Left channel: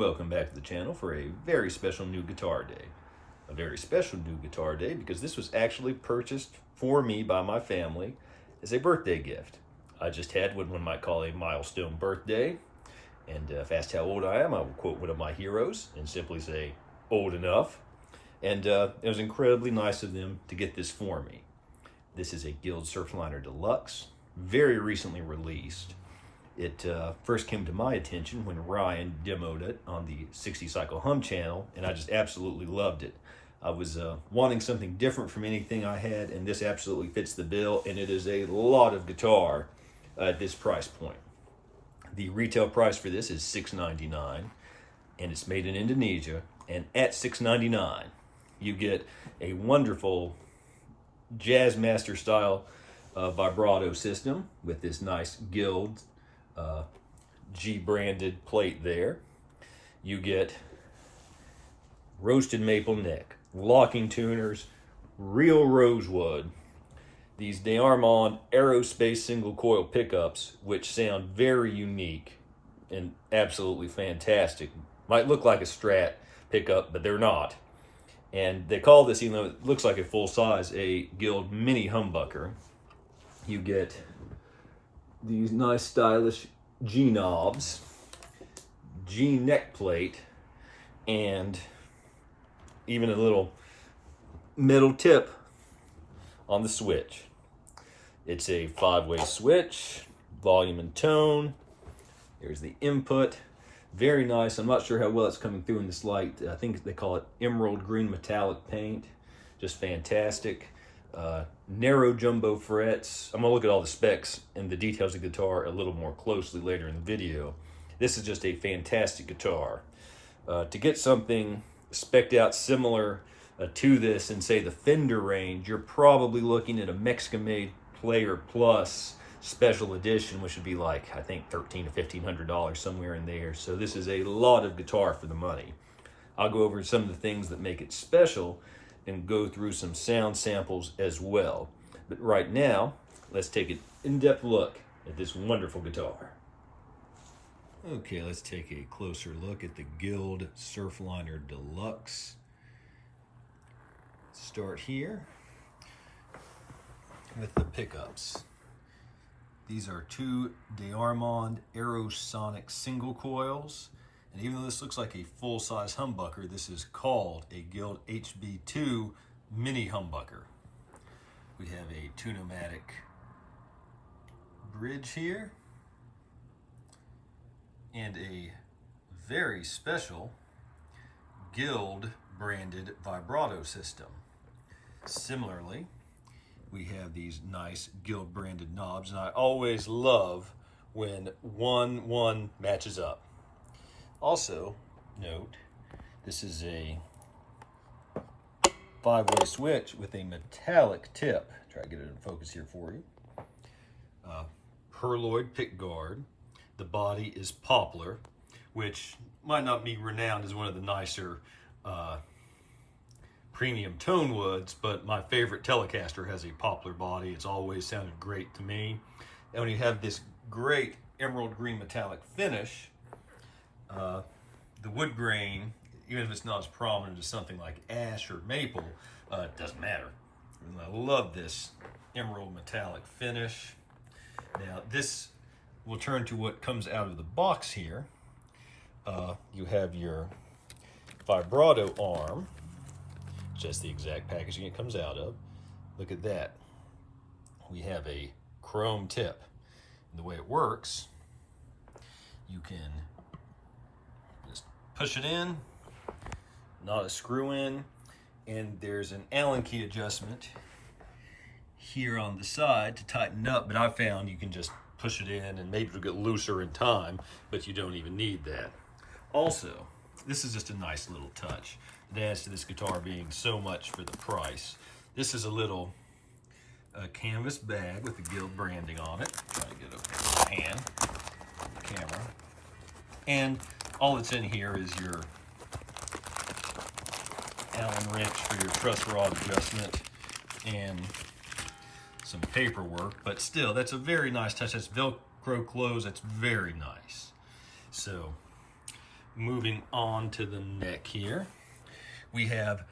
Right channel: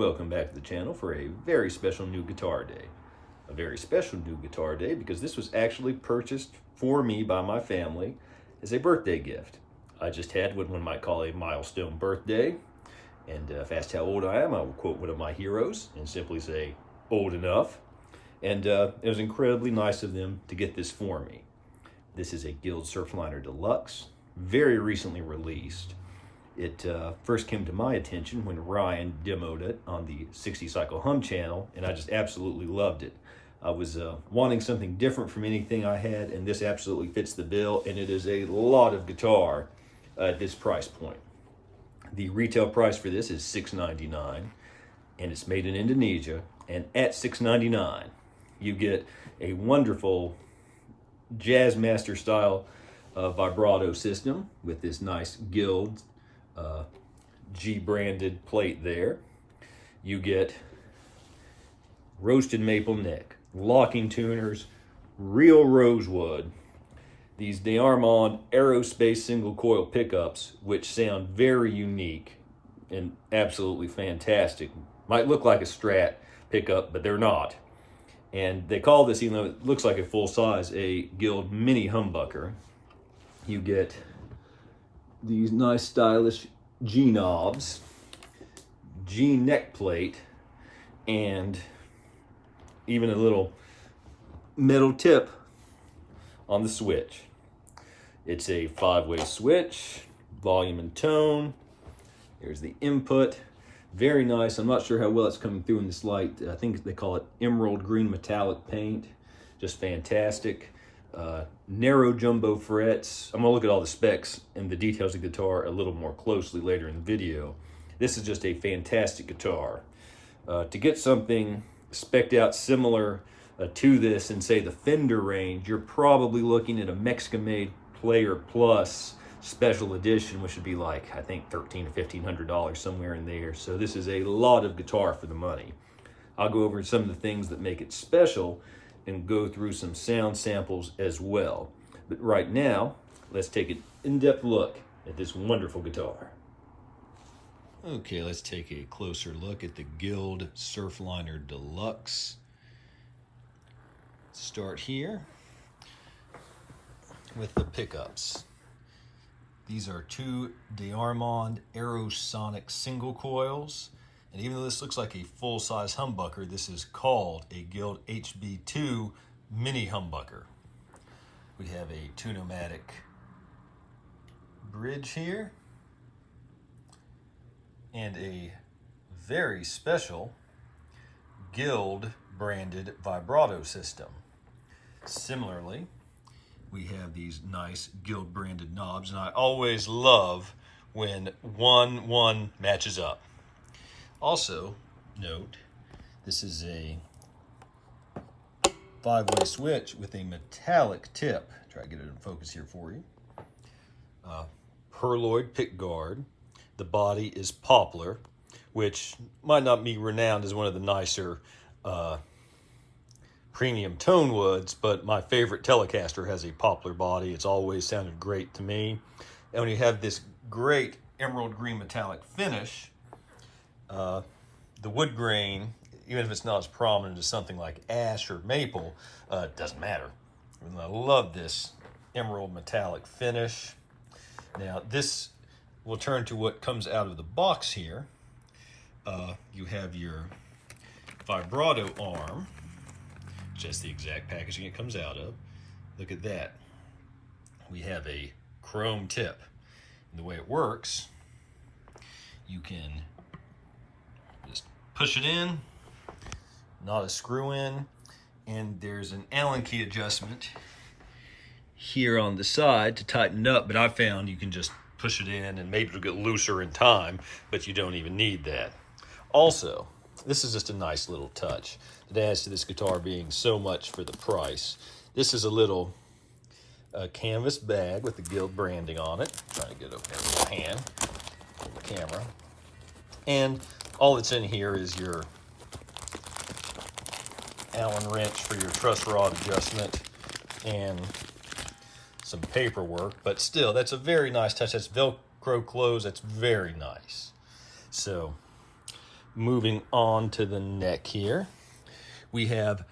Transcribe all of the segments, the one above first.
Welcome back to the channel for a very special new guitar day. A very special new guitar day because this was actually purchased for me by my family as a birthday gift. I just had what one might call a milestone birthday. And if asked how old I am, I will quote one of my heroes and simply say, old enough. And it was incredibly nice of them to get this for me. This is a Guild Surfliner Deluxe, very recently released. It first came to my attention when Ryan demoed it on the 60 Cycle Hum channel, and I just absolutely loved it. I was wanting something different from anything I had, and this absolutely fits the bill, and it is a lot of guitar at this price point. The retail price for this is $6.99, and it's made in Indonesia, and at $6.99, you get a wonderful Jazzmaster style vibrato system with this nice Guild G-branded plate there. You get roasted maple neck, locking tuners, real rosewood, these D'Armond aerospace single coil pickups, which sound very unique and absolutely fantastic. Might look like a Strat pickup, but they're not. And they call this, even though it looks like a full size, a Guild mini humbucker. You get these nice stylish G knobs, G neck plate, and even a little metal tip on the switch. It's a 5-way switch, volume and tone. There's the input. Very nice. I'm not sure how well it's coming through in this light. I think they call it emerald green metallic paint. Just fantastic. Narrow jumbo frets. I'm gonna look at all the specs and the details of the guitar a little more closely later in the video. This is just a fantastic guitar. To get something spec'd out similar to this in, say, the Fender range, you're probably looking at a Mexican-made Player Plus special edition, which would be like, I think, $1,300 to $1,500, somewhere in there. So this is a lot of guitar for the money. I'll go over some of the things that make it special and go through some sound samples as well. But right now, let's take an in-depth look at this wonderful guitar. Okay, let's take a closer look at the Guild Surfliner Deluxe. Start here with the pickups. These are two D'Armond Aerosonic single coils. And even though this looks like a full-size humbucker, this is called a Guild HB2 mini humbucker. We have a Tune-O-Matic bridge here and a very special Guild branded vibrato system. Similarly, we have these nice Guild branded knobs, and I always love when one matches up. Also, note, this is a 5-way switch with a metallic tip. Try to get it in focus here for you. Perloid pick guard. The body is poplar, which might not be renowned as one of the nicer premium tone woods, but my favorite Telecaster has a poplar body. It's always sounded great to me. And when you have this great emerald green metallic finish, the wood grain, even if it's not as prominent as something like ash or maple, it doesn't matter. I love this emerald metallic finish. Now this will turn to what comes out of the box here. You have your vibrato arm, just the exact packaging it comes out of. Look at that. We have a chrome tip. And the way it works, you can just push it in, not a screw in, and there's an Allen key adjustment here on the side to tighten up, but I found you can just push it in and maybe it'll get looser in time, but you don't even need that. Also, this is just a nice little touch. It adds to this guitar being so much for the price. This is a little canvas bag with the Guild branding on it. Try to get it over there with my hand, the camera. And all that's in here is your Allen wrench for your truss rod adjustment and some paperwork, but still, that's a very nice touch. That's Velcro close. That's very nice. So moving on to the neck here, we have,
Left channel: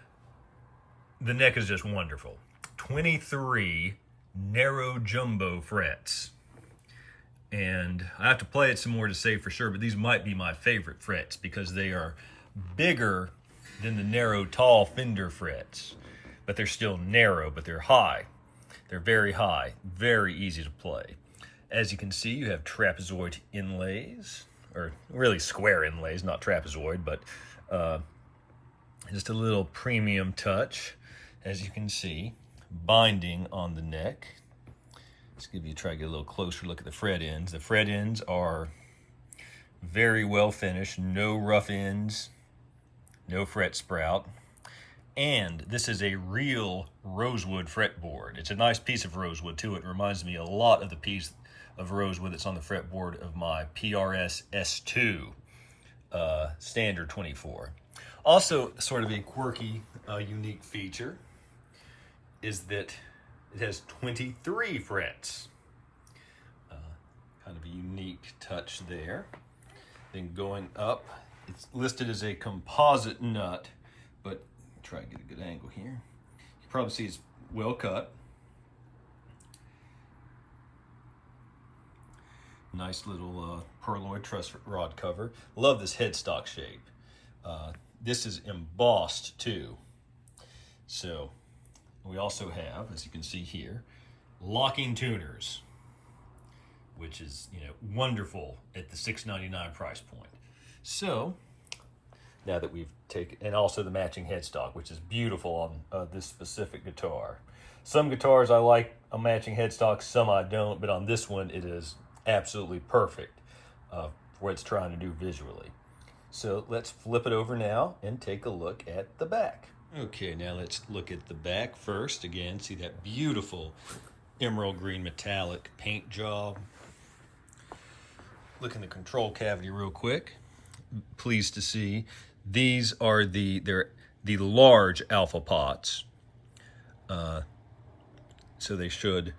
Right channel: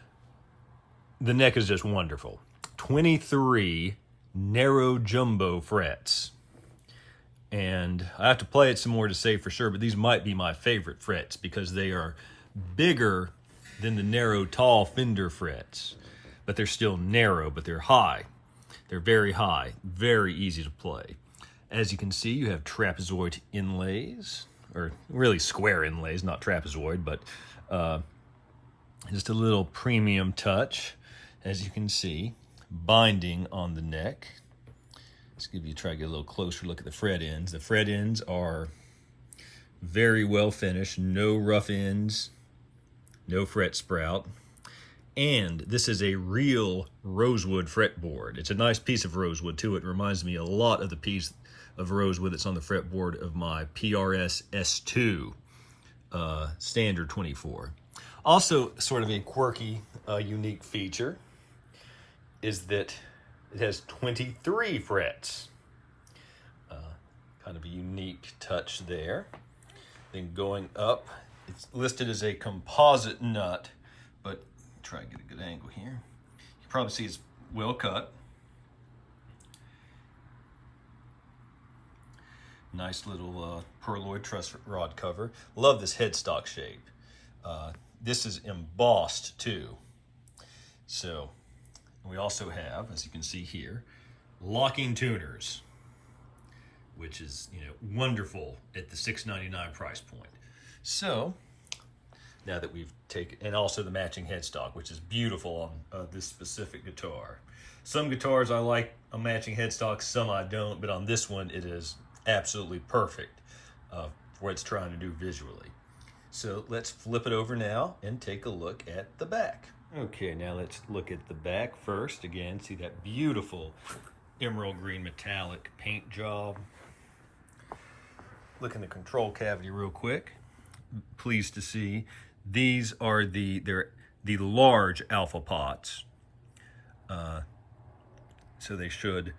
the neck is just wonderful. 23 narrow jumbo frets. And I have to play it some more to say for sure, but these might be my favorite frets because they are bigger than the narrow, tall Fender frets. But they're still narrow, but they're high. They're very high, very easy to play. As you can see, you have trapezoid inlays, or really square inlays, not trapezoid, but just a little premium touch. As you can see, binding on the neck. Let's try to get a little closer look at the fret ends. The fret ends are very well finished, no rough ends, no fret sprout. And this is a real rosewood fretboard. It's a nice piece of rosewood too. It reminds me a lot of the piece of rosewood that's on the fretboard of my PRS S2 standard 24. Also, sort of a quirky, unique feature is that it has 23 frets. Kind of a unique touch there. Then going up, it's listed as a composite nut, but try to get a good angle here. You can probably see it's well cut. Nice little perloid truss rod cover. Love this headstock shape. This is embossed too. So we also have, as you can see here, locking tuners, which is, you know, wonderful at the $6.99 price point. So now that we've taken, and also the matching headstock, which is beautiful on this specific guitar. Some guitars I like a matching headstock, some I don't, but on this one it is absolutely perfect for what it's trying to do visually. So let's flip it over now and take a look at the back. Okay, now let's look at the back first. Again, see that beautiful emerald green metallic paint job. Look in the control cavity real quick. Pleased to see these are the large alpha pots. So they should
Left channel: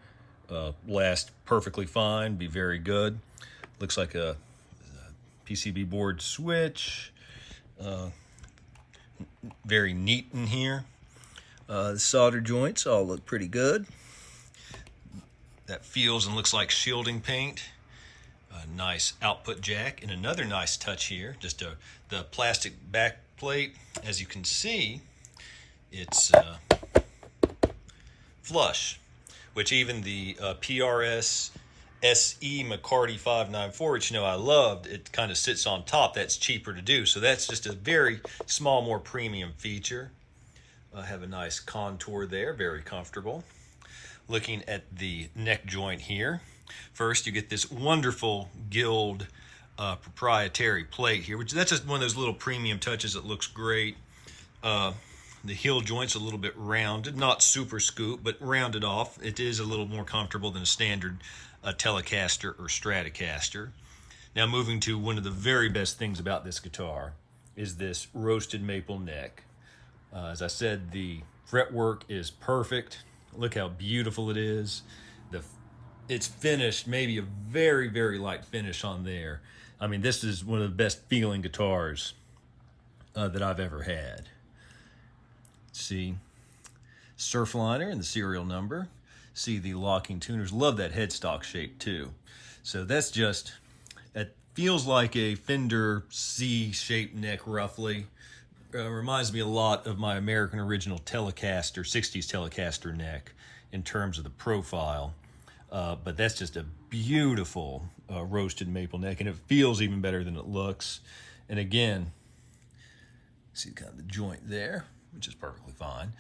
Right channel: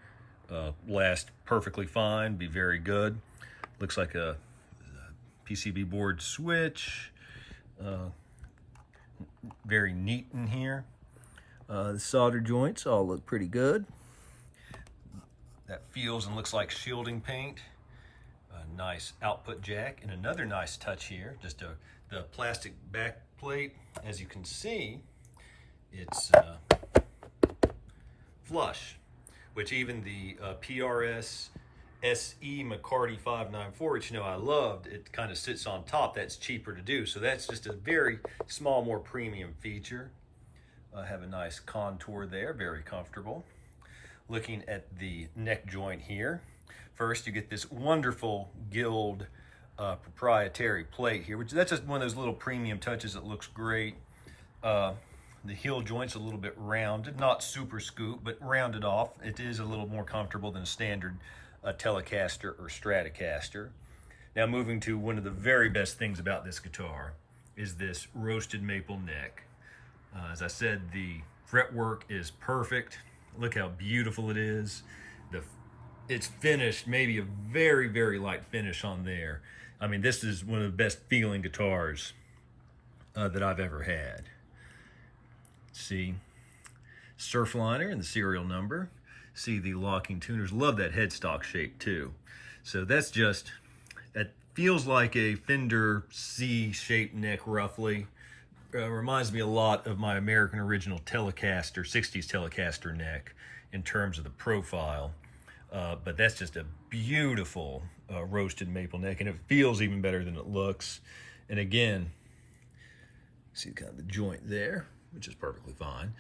last perfectly fine, be very good. Looks like a PCB board switch. Very neat in here. The solder joints all look pretty good. That feels and looks like shielding paint. A nice output jack, and another nice touch here, just the plastic back plate. As you can see, it's flush, which even the PRS SE McCarty 594, which you know I loved, it kind of sits on top. That's cheaper to do, so that's just a very small, more premium feature. I have a nice contour there, very comfortable. Looking at the neck joint here, first you get this wonderful Guild proprietary plate here, which that's just one of those little premium touches that looks great. The heel joint's a little bit rounded, not super scoop, but rounded off. It is a little more comfortable than a standard Telecaster or Stratocaster. Now moving to one of the very best things about this guitar is this roasted maple neck. As I said, the fretwork is perfect. Look how beautiful it is. It's finished, maybe a very, very light finish on there. I mean, this is one of the best feeling guitars that I've ever had. See, Surfliner and the serial number. See the locking tuners. Love that headstock shape too. So that's just, it feels like a Fender C-shaped neck roughly. Reminds me a lot of my American original Telecaster, 60s Telecaster neck in terms of the profile. But that's just a beautiful roasted maple neck, and it feels even better than it looks. And again, see kind of the joint there, which is perfectly fine.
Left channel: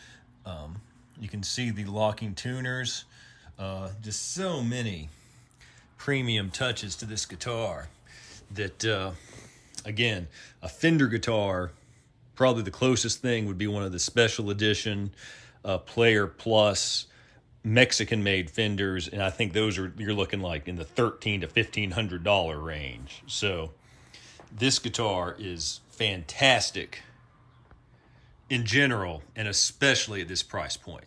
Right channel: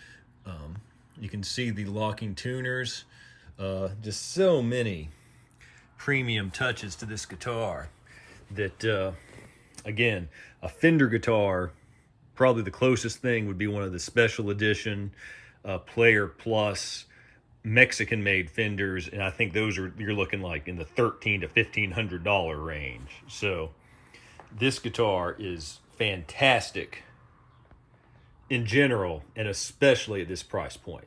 You can see the locking tuners. Just so many premium touches to this guitar that, again, a Fender guitar, probably the closest thing would be one of the special edition Player Plus Mexican-made Fenders, and I think those are, you're looking like in the $1,300 to $1,500 range. So this guitar is fantastic in general, and especially at this price point.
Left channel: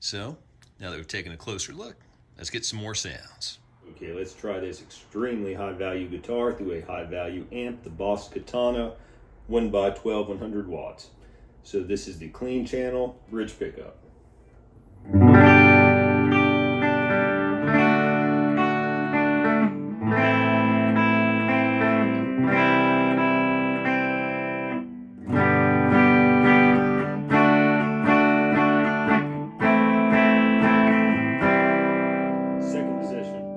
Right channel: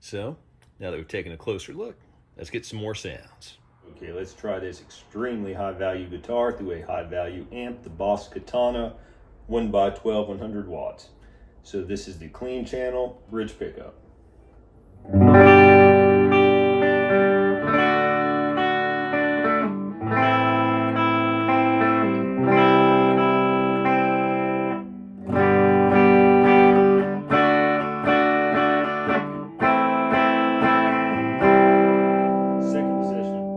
So now that we've taken a closer look, let's get some more sounds. Okay, let's try this extremely high value guitar through a high value amp, the BOSS Katana 1x12 100 watts. So this is the clean channel bridge pickup. Second position.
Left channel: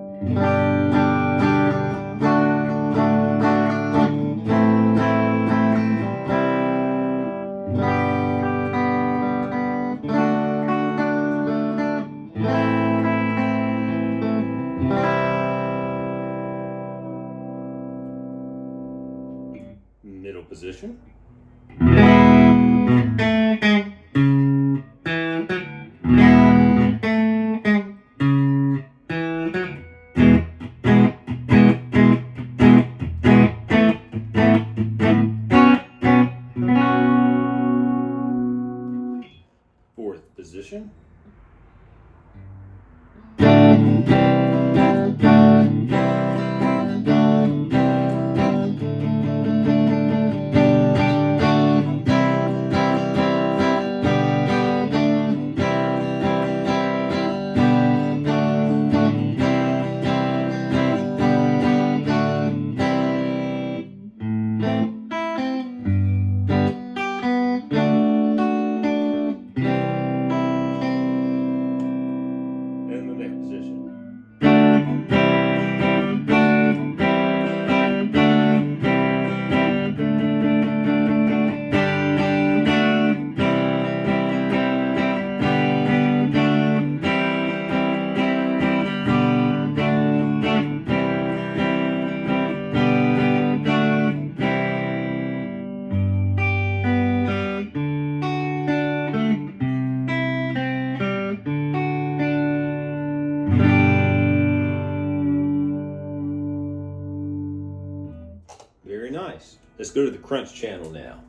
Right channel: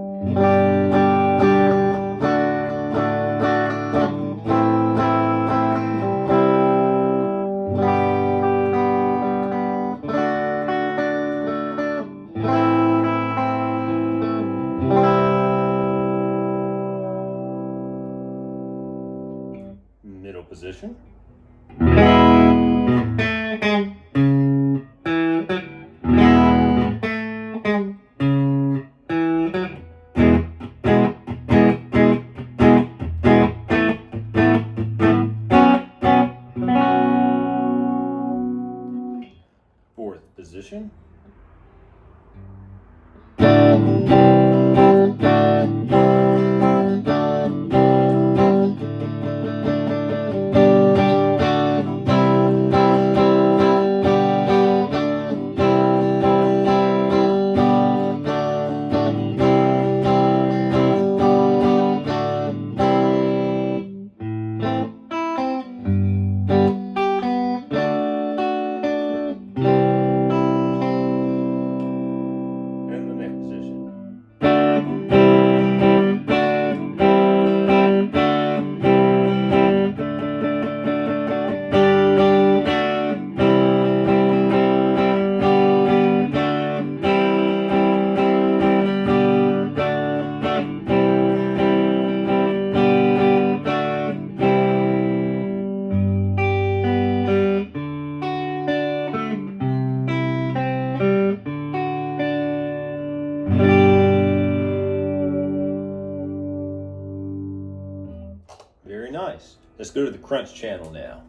Middle position. Fourth position. And the neck position. Very nice. Let's go to the crunch channel now.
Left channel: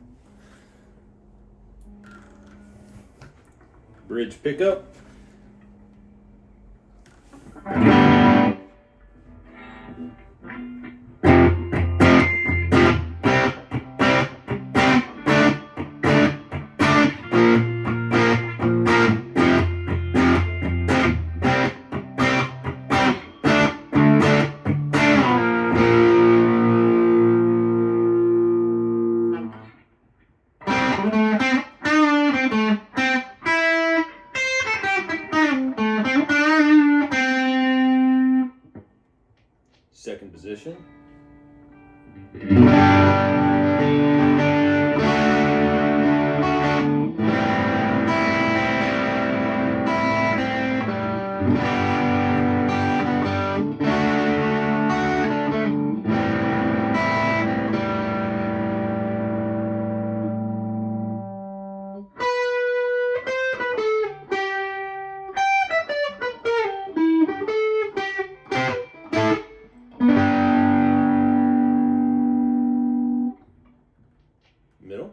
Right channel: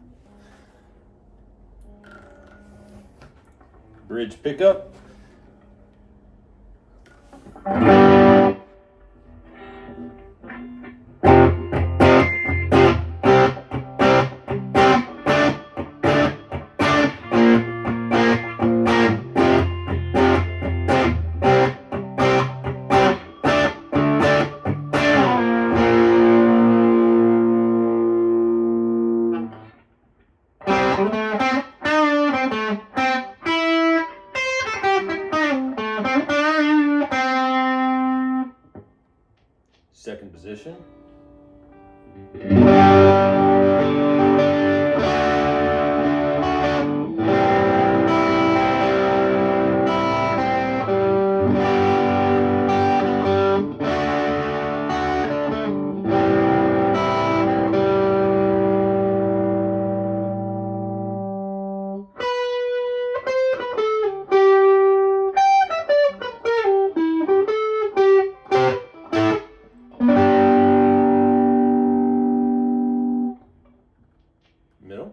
Bridge pickup. Second position. Middle.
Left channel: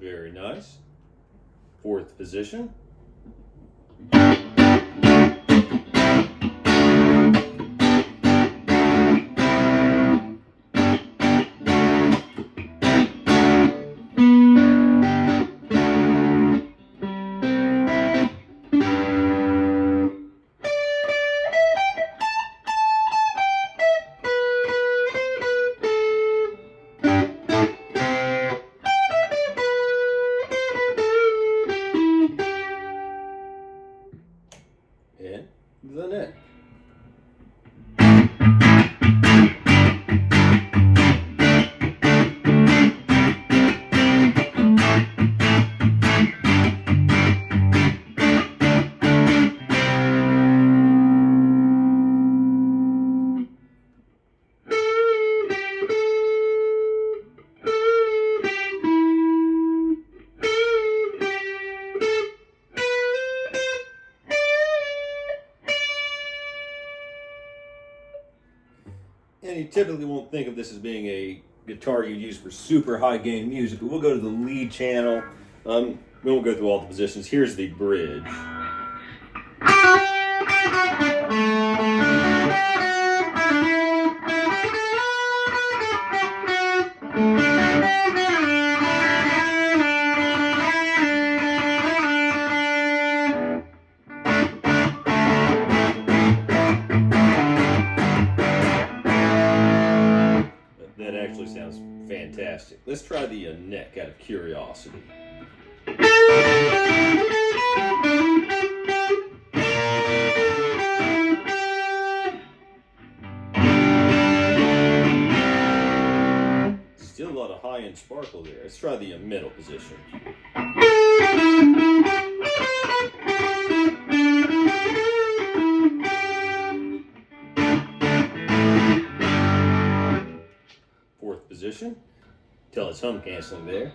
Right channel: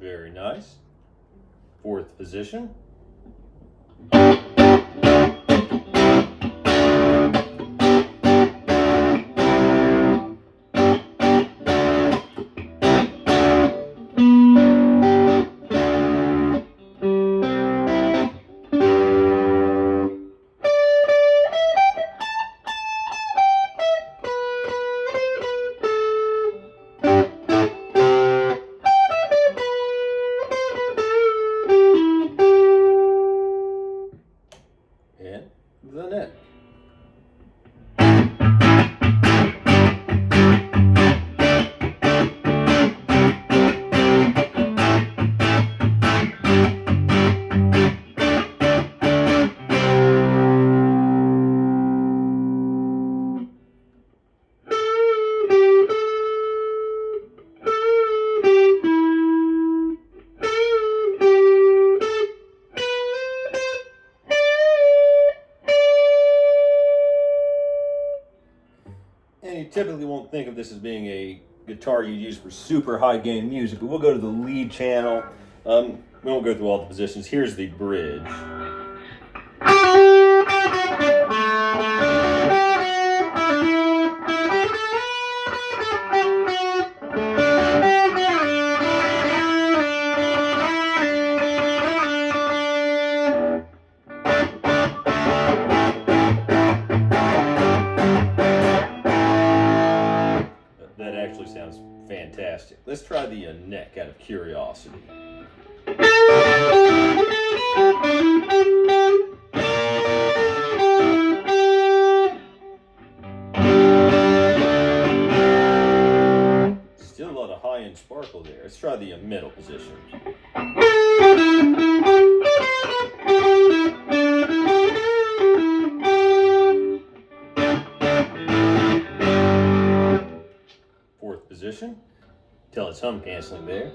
Very nice. Fourth position. And the net. And you typically won't think of this as being a guitar you use for super high gain music, but we'll go to the lead channel. We won't go through all the positions. Here's the bridge. That actually sounds fantastic. Let's try the neck out of curiosity. Still a lot of high-end sparkle there. Let's try the middle position. Fourth position. Tell it's hum canceling there.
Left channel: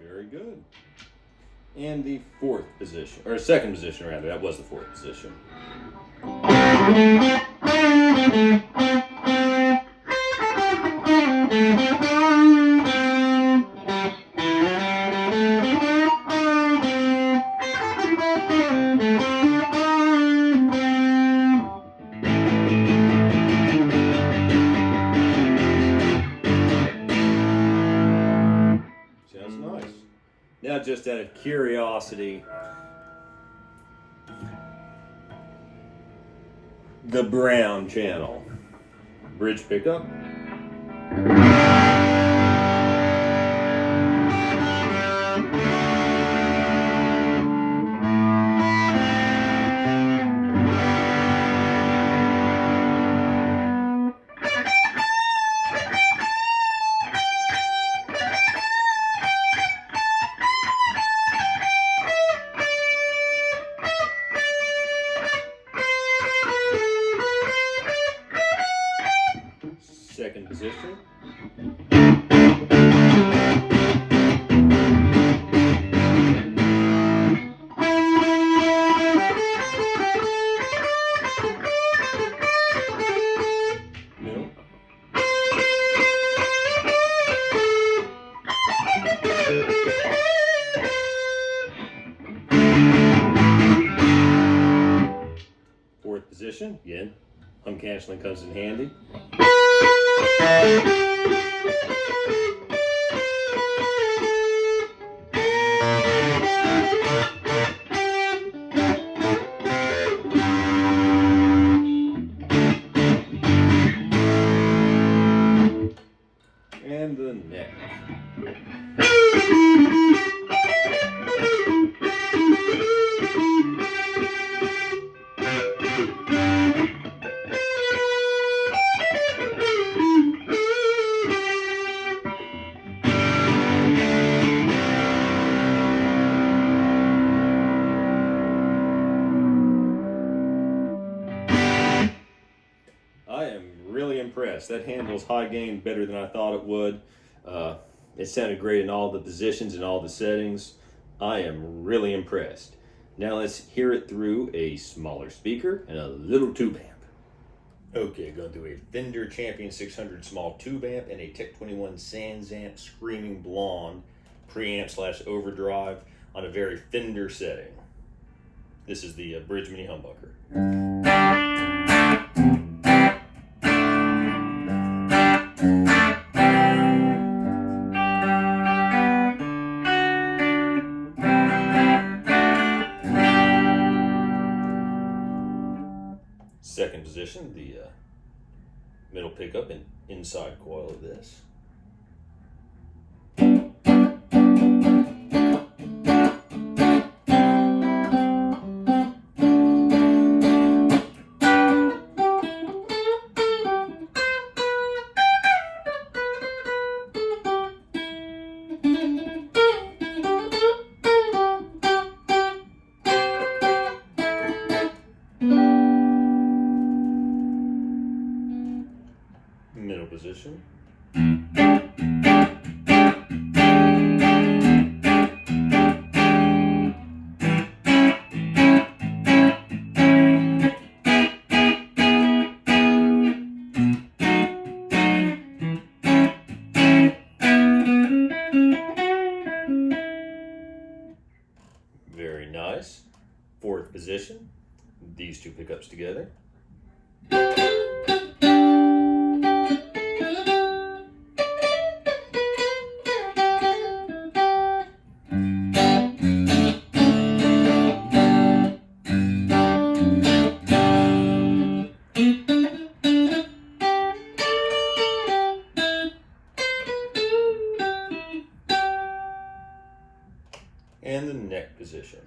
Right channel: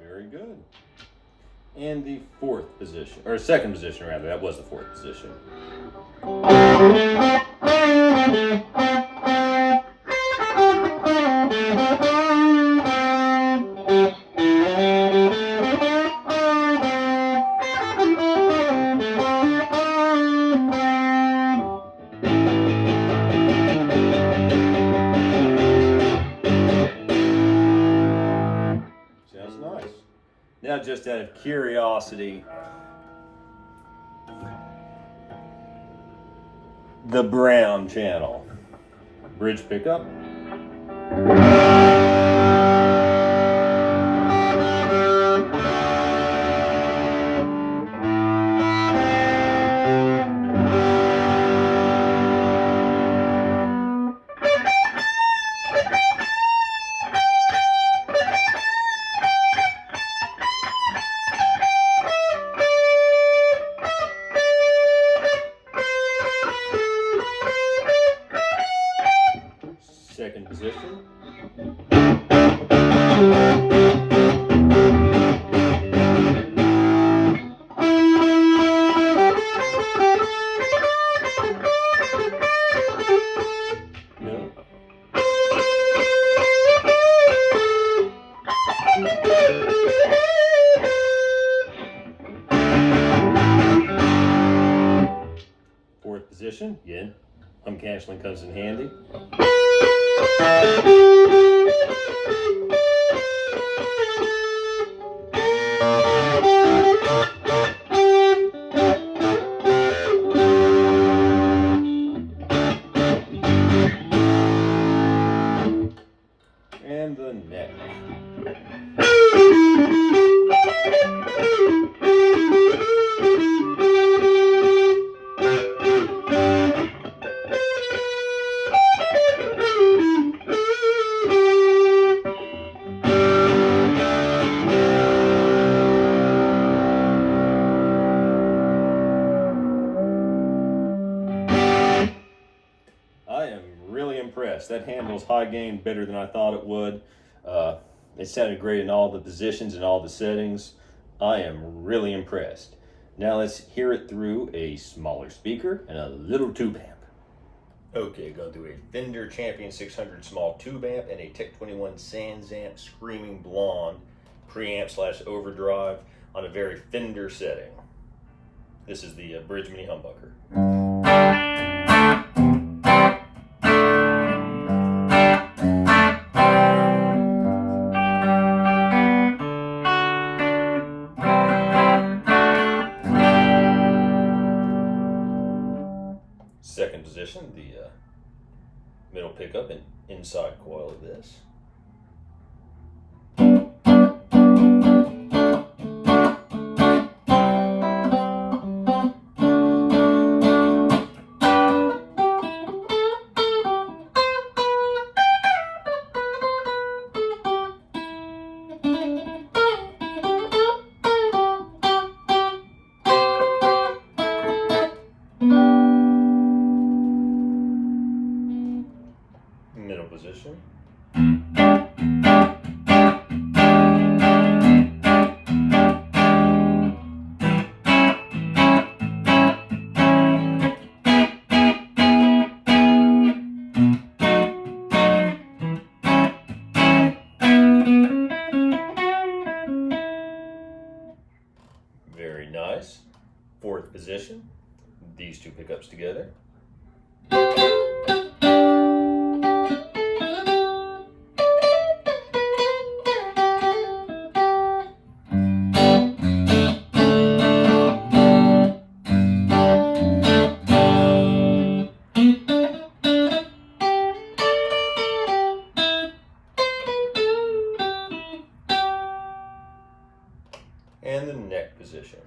Very good. And the fourth position, or second position rather, that was the fourth position. Sounds nice. Now, just out of curiosity, the brown channel. Bridge pickup. Second position. Middle. Fourth position. Again, hum canceling comes in handy. And the neck. I am really impressed. That handles high gain better than I thought it would. It sounded great in all the positions and all the settings. I am really impressed. Now let's hear it through a smaller speaker and a little tube amp. Okay, going through a Fender Champion 600 small tube amp and a Tech 21 Sans Amp Screaming Blonde preamp / overdrive on a very Fender setting. This is the Bridge Mini Humbucker. Second position, the middle pickup and inside coil of this. Middle position. position, these two pickups together. And the neck position.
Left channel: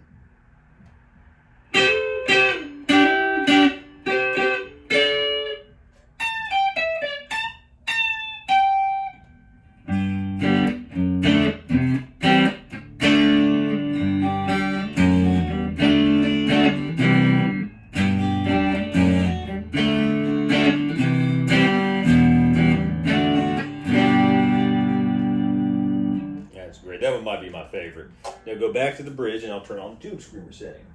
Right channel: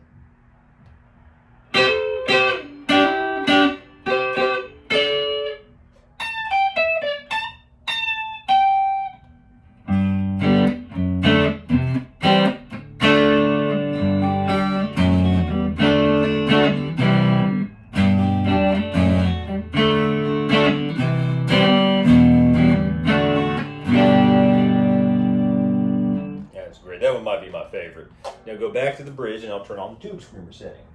That's great. That one might be my favorite. Now go back to the bridge and I'll turn on the tube screamer setting.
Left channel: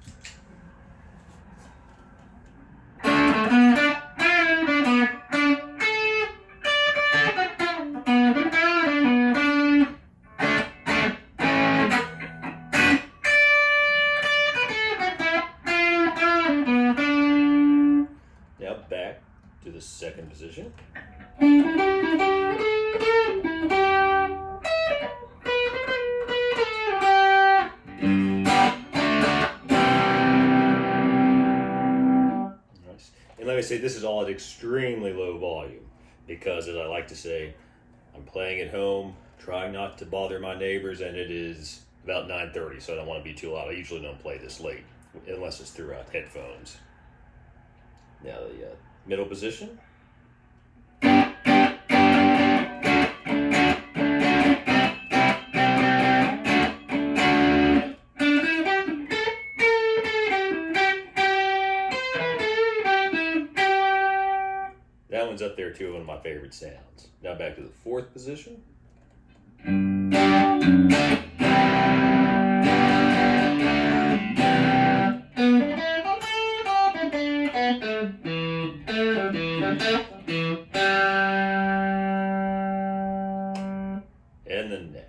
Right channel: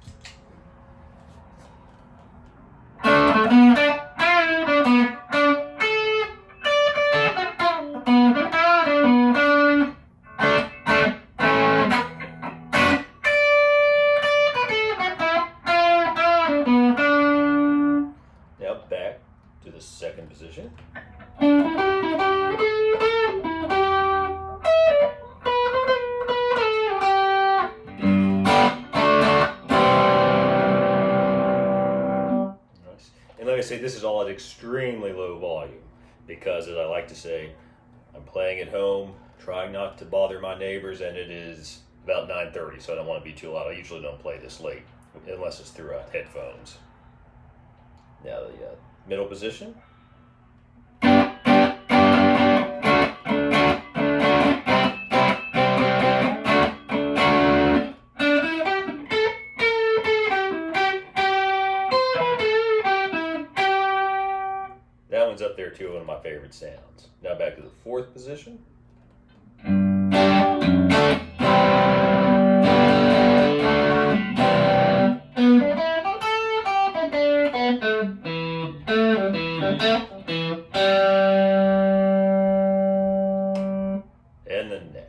Now back to the second position. And like I say, this is all at extremely low volume because, as I like to say, I'm playing at home, trying not to bother my neighbors, and it is about 9:30, so I don't want to be too loud. I usually don't play this late unless it's through headphones. Now the middle position. That one's up there too, one of my favorite sounds. Now back to the fourth position. And the neck.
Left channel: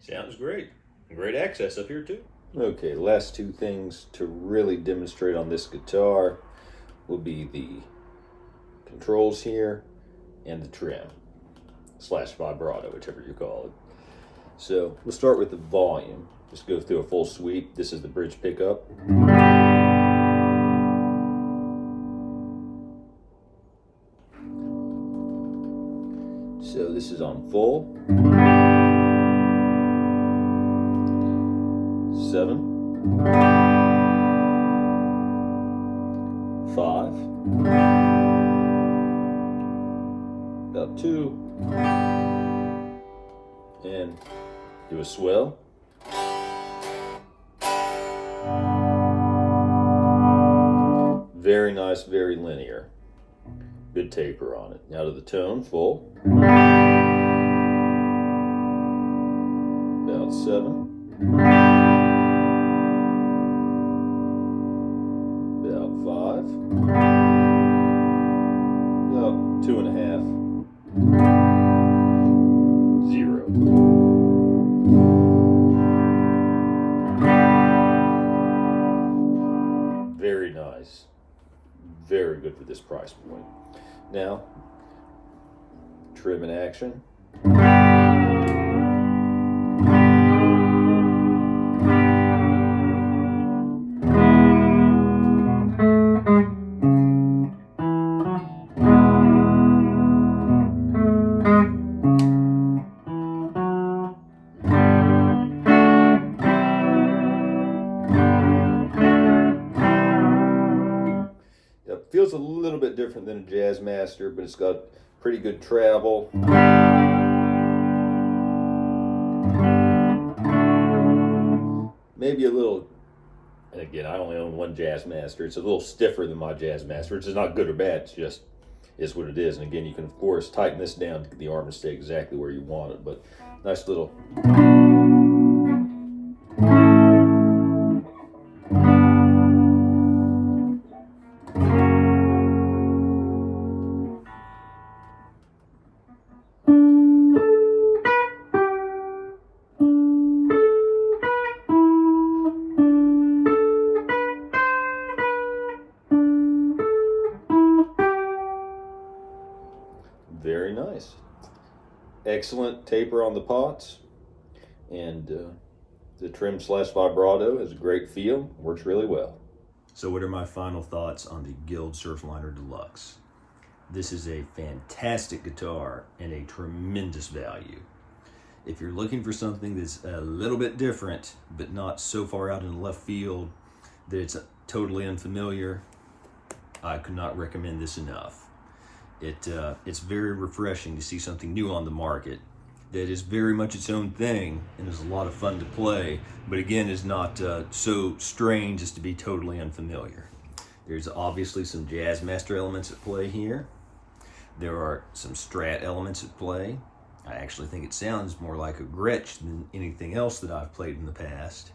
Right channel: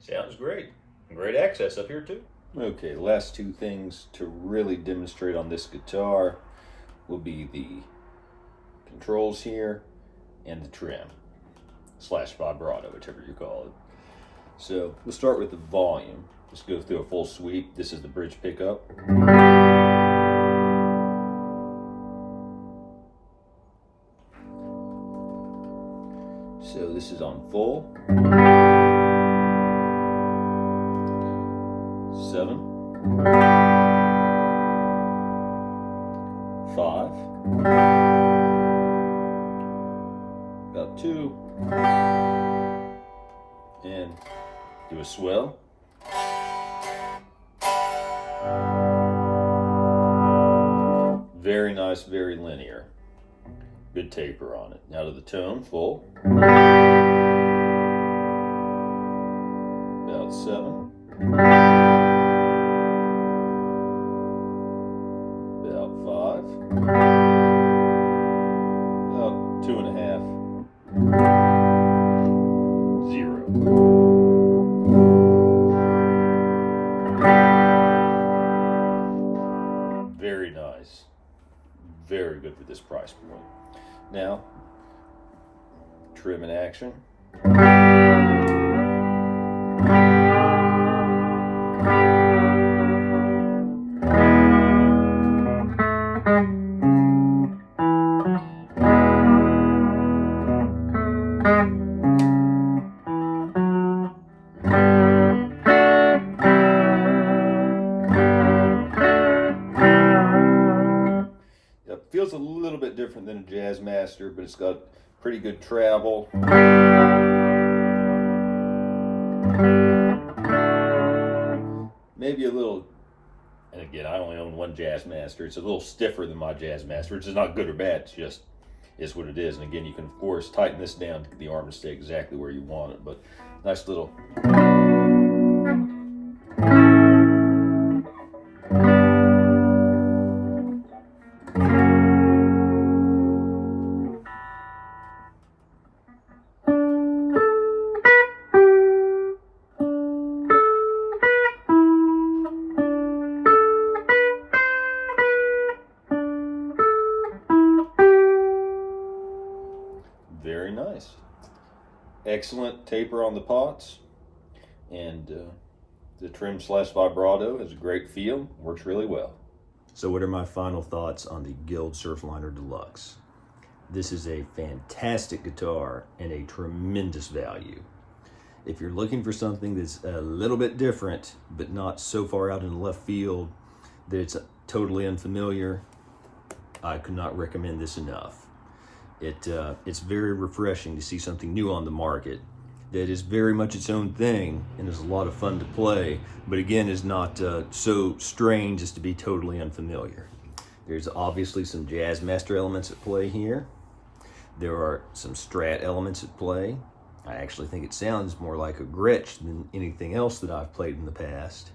Sounds great. Great access up here too. Okay, last two things to really demonstrate on this guitar will be the controls here and the trim / vibrato, whichever you call it. So we'll start with the volume. Just go through a full sweep. This is the bridge pickup. So this is on full. 7, 5, about 2, and do a swell. Very nice, very linear. Good taper on it. Now to the tone, full. About 7. About 5. About 2.5. 0. Very nice. Very good for this price point. Now, trim in action. Feels a little bit different than a Jazzmaster, but it's got pretty good travel. maybe a little, and again, I only own one Jazzmaster. It's a little stiffer than my Jazzmaster, which is not good or bad. It's just is what it is. And again, you can, of course, tighten this down to get the arm to stay exactly where you want it. But nice little... Very nice. Excellent taper on the pots, and the trim slash vibrato has a great feel, works really well. So what are my final thoughts on the Guild Surfliner Deluxe? This is a fantastic guitar and a tremendous value. If you're looking for something that's a little bit different, but not so far out in the left field that it's totally unfamiliar, I could not recommend this enough. It's very refreshing to see something new on the market that is very much its own thing and is a lot of fun to play, but again is not so strange as to be totally unfamiliar. There's obviously some Jazzmaster elements at play here. There are some Strat elements at play. I actually think it sounds more like a Gretsch than anything else that I've played in the past,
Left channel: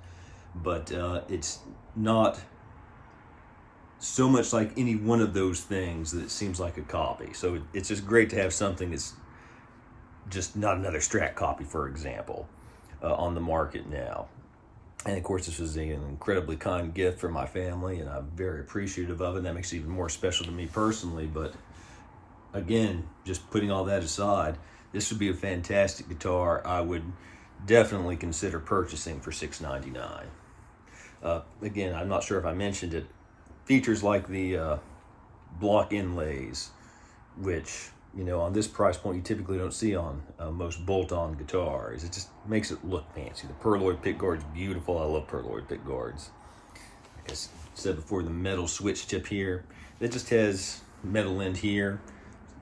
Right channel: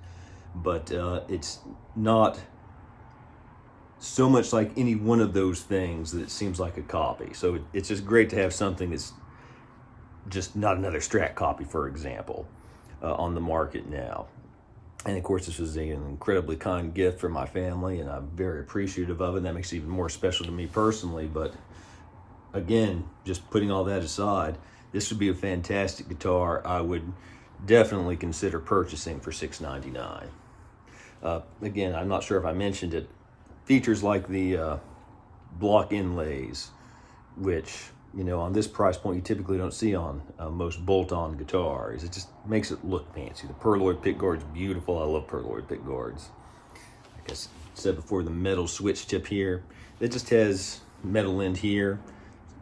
but it's not so much like any one of those things that it seems like a copy. So it's just great to have something that's just not another Strat copy, for example, on the market now. And of course, this was an incredibly kind gift from my family, and I'm very appreciative of it. And that makes it even more special to me personally. But again, just putting all that aside, this would be a fantastic guitar. I would definitely consider purchasing for $699. Again, I'm not sure if I mentioned it. Features like the block inlays, which, you know, on this price point you typically don't see on most bolt-on guitars. It just makes it look fancy. The Perloy pickguard's beautiful. I love Perloy pickguards. Like I said before, the metal switch tip here, it just has metal end here.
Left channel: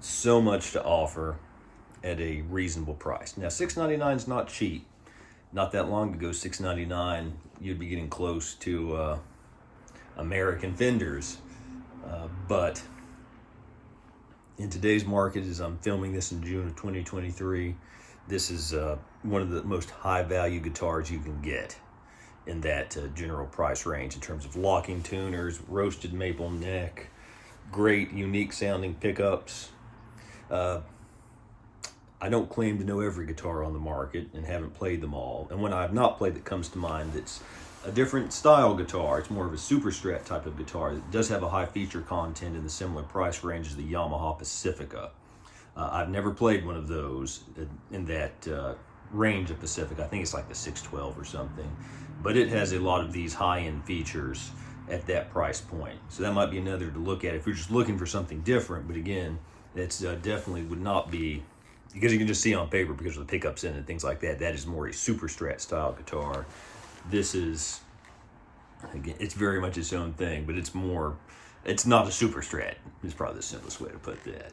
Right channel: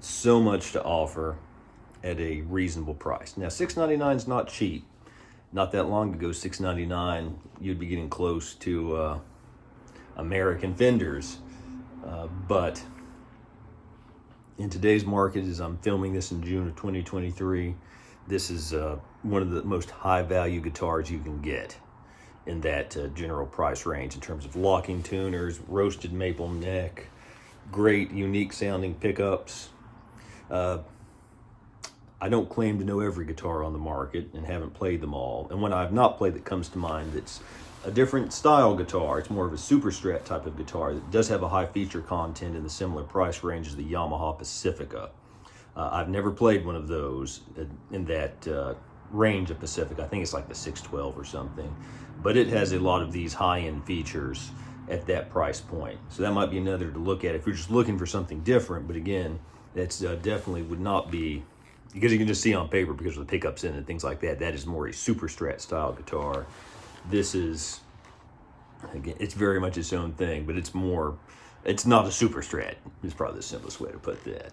So much to offer at a reasonable price. Now, $699 is not cheap. Not that long ago, $699, you'd be getting close to American Fenders, but in today's market, as I'm filming this in June of 2023, this is one of the most high value guitars you can get in that general price range in terms of locking tuners, roasted maple neck, great unique sounding pickups. I don't claim to know every guitar on the market and haven't played them all, and when I have not played that comes to mind that's a different style guitar. It's more of a super Strat type of guitar that does have a high feature content in the similar price range as the Yamaha Pacifica. I've never played one of those in that range of Pacifica. I think it's like the 612 or something, but it has a lot of these high-end features at that price point. So that might be another to look at if you're just looking for something different. But again, that's definitely would not be, because you can just see on paper because of the pickups in it and things like that, that is more a super Strat style guitar. This is, again, it's very much its own thing, but it's not a super Strat. Is probably the simplest way to put that.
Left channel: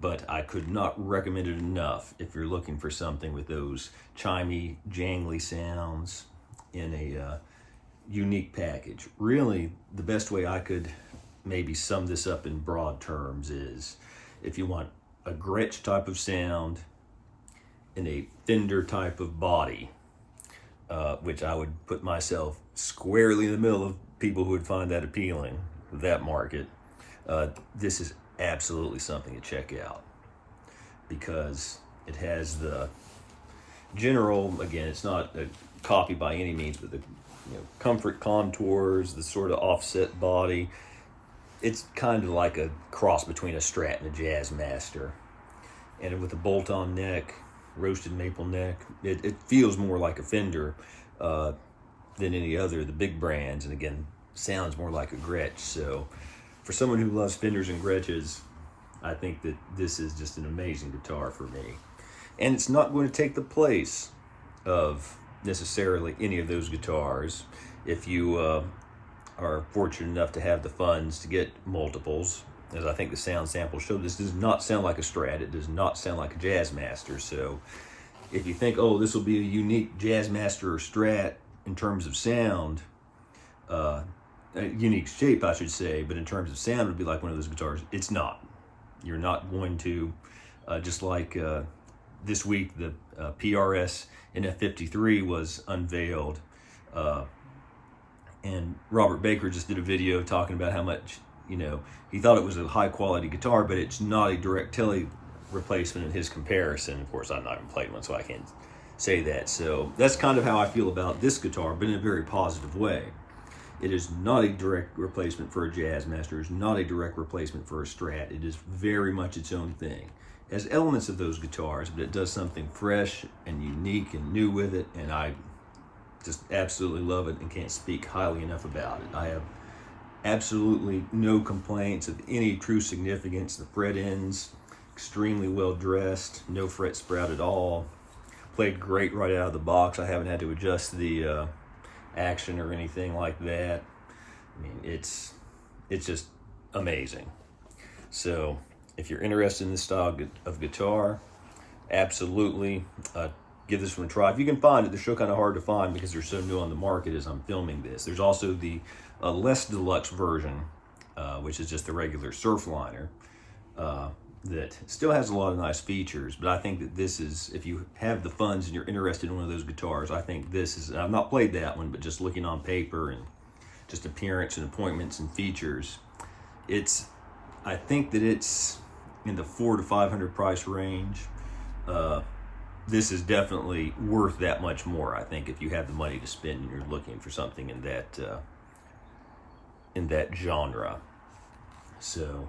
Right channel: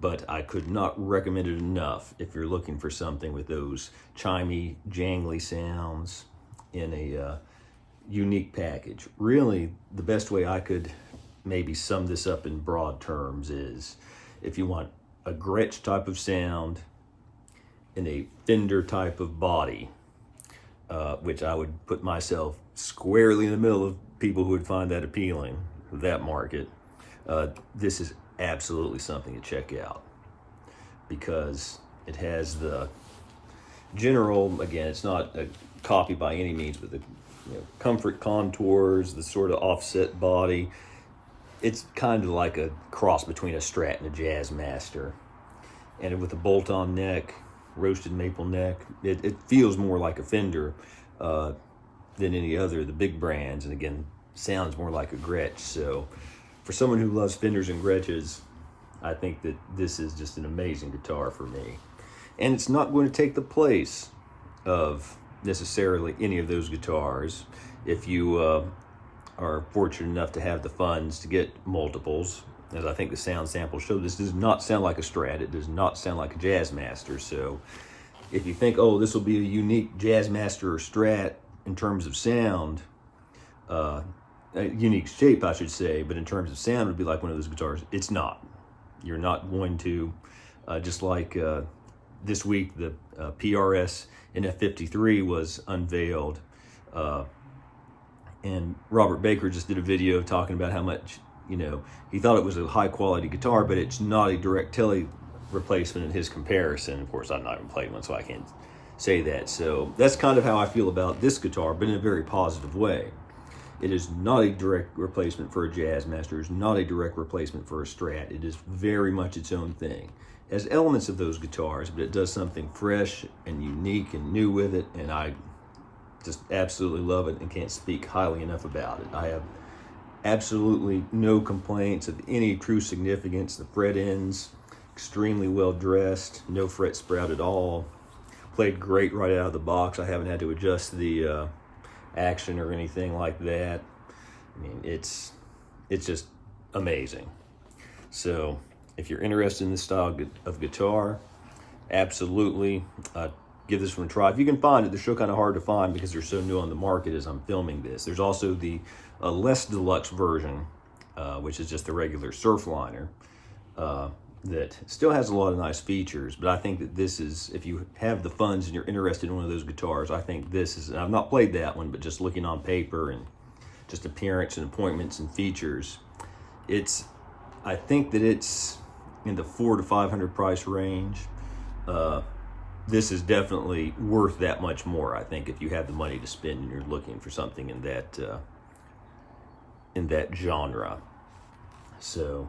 But I could not recommend it enough if you're looking for something with those chimey, jangly sounds in a unique package. Really, the best way I could maybe sum this up in broad terms is if you want a Gretsch type of sound in a Fender type of body, which I would put myself squarely in the middle of people who would find that appealing, that market. This is absolutely something to check out because it has the general, again, it's not a copy by any means, but the comfort contours, the sort of offset body. It's kind of like a cross between a Strat and a Jazzmaster. And with a bolt-on neck, roasted maple neck, it feels more like a Fender than any other, the big brands, and again, sounds more like a Gretsch. So for someone who loves Fenders and Gretsches, I think that this is just an amazing guitar for me. And it's not going to take the place of necessarily any of those guitars. If you are fortunate enough to have the funds to get multiples, as I think the sound sample showed, this does not sound like a Strat. It does not sound like a Jazzmaster. So if you think, oh, this will be a unique Jazzmaster or Strat, in terms of sound, a unique shape, I should say, but in terms of sound, it would be like one of those guitars. It's not. You're not going to, just like this week, the PRS NF53 was unveiled, and Robert Baker just did a video talking about how much, you know, he thought it was a high quality guitar, but it's not a direct tele replacement in his comparison. Of course, I've not even played one, so I can't say that. So that's kind of how I feel about this guitar, but in a very positive way. It is not a direct replacement for a Jazzmaster. It's not a direct replacement for a Strat. It is very much its own thing. It has elements of those guitars, but it does something fresh and unique and new with it, and I just absolutely love it and can't speak highly enough about it. I have absolutely no complaints of any true significance. The fret ends, extremely well dressed, no fret sprout at all. Played great right out of the box. I haven't had to adjust the action or anything like that. I mean, it's just amazing. So if you're interested in this style of guitar, absolutely give this one a try. If you can find it, they're still kind of hard to find because they're so new on the market as I'm filming this. There's also the less deluxe version, which is just the regular Surfliner, that still has a lot of nice features, but I think that this is, if you have the funds and you're interested in one of those guitars, I think this is, I've not played that one, but just looking on paper and just appearance and appointments and features, I think that it's in the $400 to $500 price range. This is definitely worth that much more, I think, if you have the money to spend and you're looking for something in that genre. So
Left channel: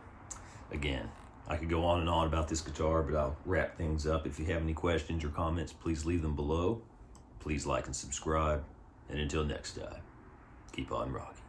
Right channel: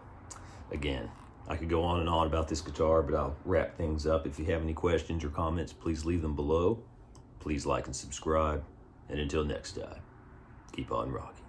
again, I could go on and on about this guitar, but I'll wrap things up. If you have any questions or comments, please leave them below. Please like and subscribe. And until next time, keep on rocking.